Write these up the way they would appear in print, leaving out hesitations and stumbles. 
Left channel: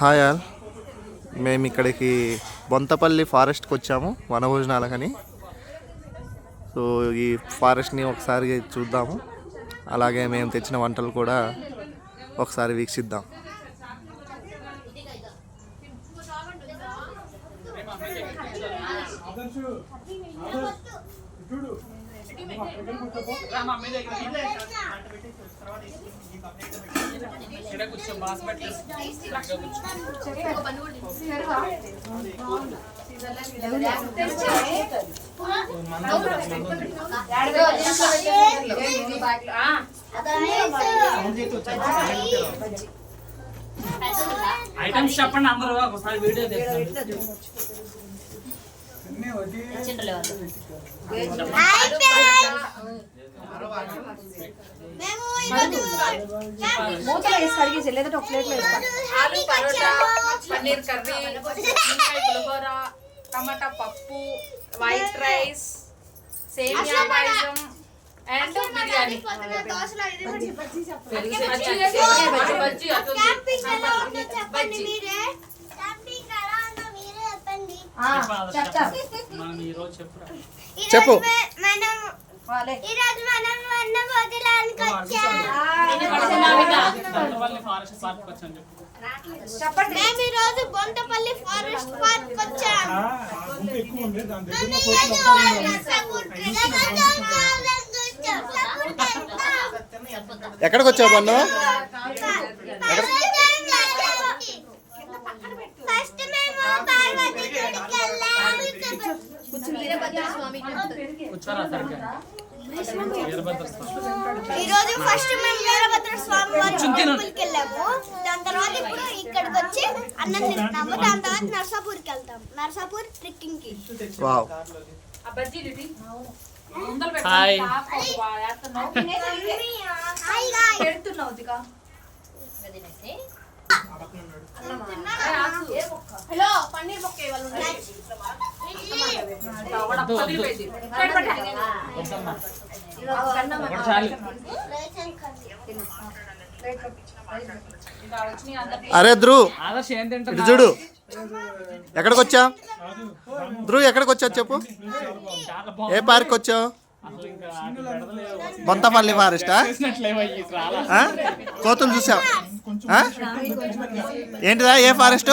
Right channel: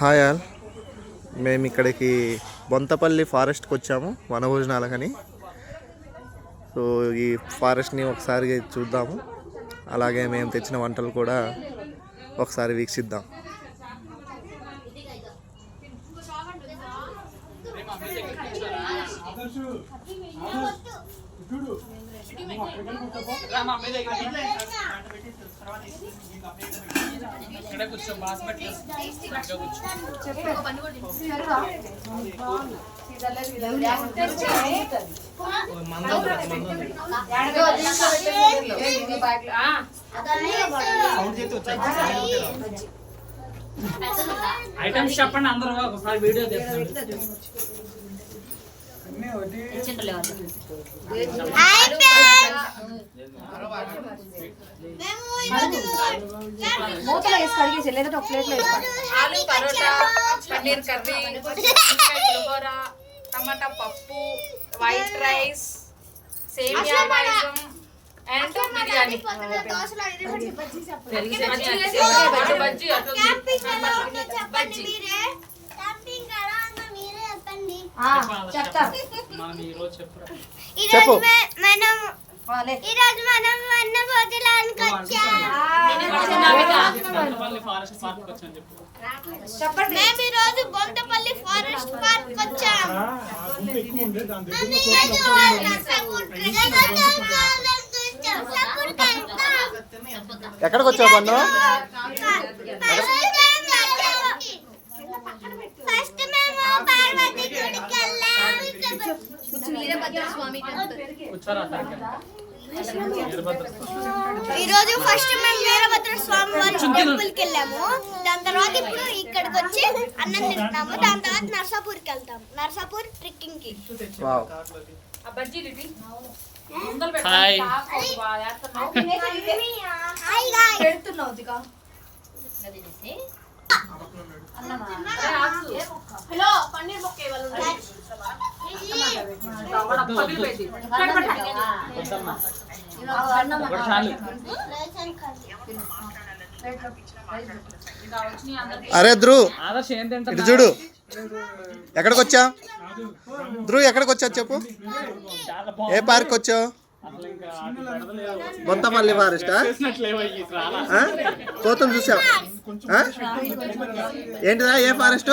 Hi all, మేము ఇక్కడికి బొంతపల్లి ఫారెస్ట్కి వచ్చాము వనభోజనాలకని. సో ఈ ఫారెస్ట్ని ఒకసారి చూద్దాము, అలాగే మేము తెచ్చిన వంటలు కూడా ఒకసారి వీక్షిద్దాం. ఐటమ్స్ చెప్పండి అందరూ ఒకసారి వీడియో మూతలో వేసి కడిగేసి లేదంటే ఒక ప్లేట్లో ఆలు పరోటా, పన్నీర్ కర్రీ, పులిహోర, టమాటా పప్పు, వైట్ రైస్, సేమియా పాయసం అండ్ బిర్యానీ. చెప్పు. మేము ఈరోజు బొంతపల్లి ఫారెస్ట్ పార్క్ వచ్చాం. ఎక్కడికి వచ్చావు బన్ను? ఫస్ట్ మేము పార్వతి గుడికి వెళ్ళాం. ఈరోజు ఫస్ట్ మేము వీరభద్ర స్వామి వారి టెంపుల్కి వెళ్ళాము. దాని తర్వాత ఇప్పుడు ఇక్కడికి వచ్చి అన్నం తింటున్నాము. దాని తర్వాత నర్సాపూర్కి వెళ్తాం. నర్సాపూర్ ట్రెక్కింగ్ కి. హాయ్ హలో పన్నీర్ బొక్క అరే ధ్రువ్, ఇటు చూడు. ఎక్కడికి వచ్చా ధ్రువ్? ఎక్కడికి వచ్చా చెప్పు. ఏ పార్క్ వచ్చావు? బొంతపల్లి ఫారెస్టా? కోతులు చూసావు? ఏంటిదా? ఏ ఫారెస్ట్?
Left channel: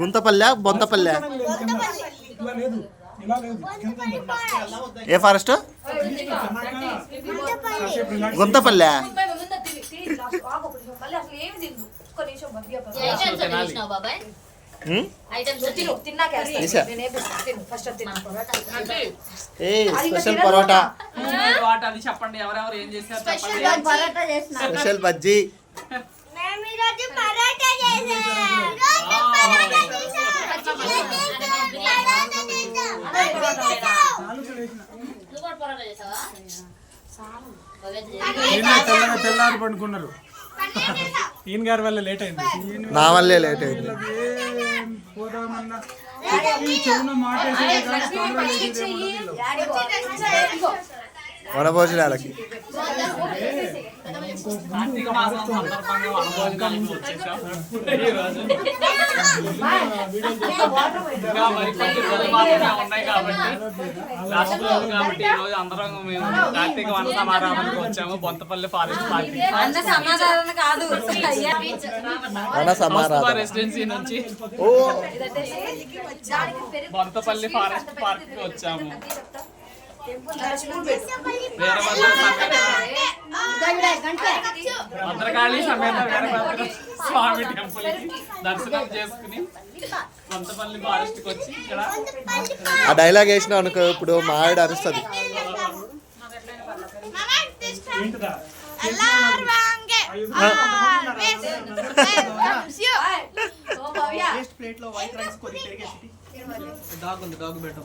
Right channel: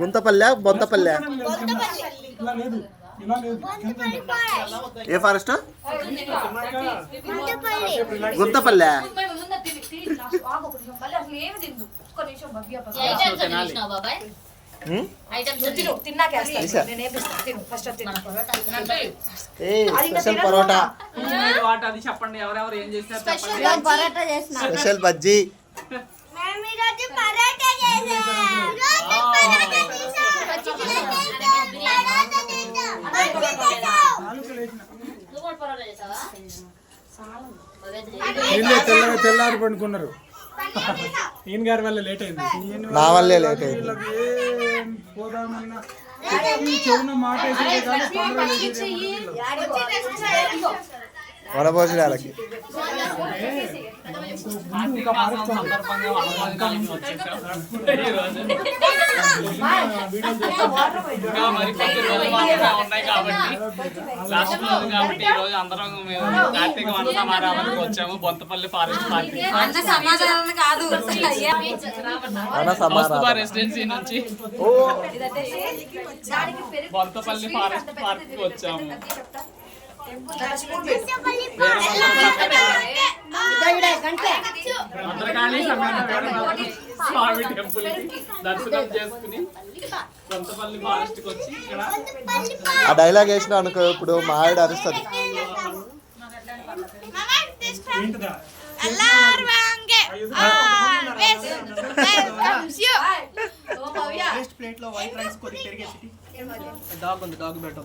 గుంతపల్లె బొంతపల్లె? ఏ ఫారెస్ట్? గుంతపల్లె. స్పెషల్ పరోటా, అది చెప్పండి. ఎవరెవరు ఏం చేశారు చెప్పండి. స్పెషల్ బజ్జీ. తెల్లారి పండుకున్నారు. ఈయన గారి వల్ల లేట్ అయింది. నా వల్లే లేట్ అయింది. చెవున మాట వనభోజనాలకి ఉన్నాయి కాబట్టి లాస్ట్ రోజు కాబట్టి ఈ రోజు అందరం మేము కార్తీక వన సమారామానికి వచ్చాము బొంతపల్లి ఫారెస్ట్ పార్టీ రెసిడెన్సీ నుంచి బొంతపల్లి ఫారెస్ట్ పార్క్ కి వచ్చాము. భద్రకాళి సమేత స్వామి టెంపుల్ దర్శనం చేసుకుని బొంతపల్లి ఫారెస్ట్ కి వచ్చి ఇక్కడ ఆ డైలాగ్ వేసినావు అనుకో, ఇప్పుడు మా ఆవిడ అరుస్తుంది. డాగ్ ఉంది, డాగ్ పెట్టు.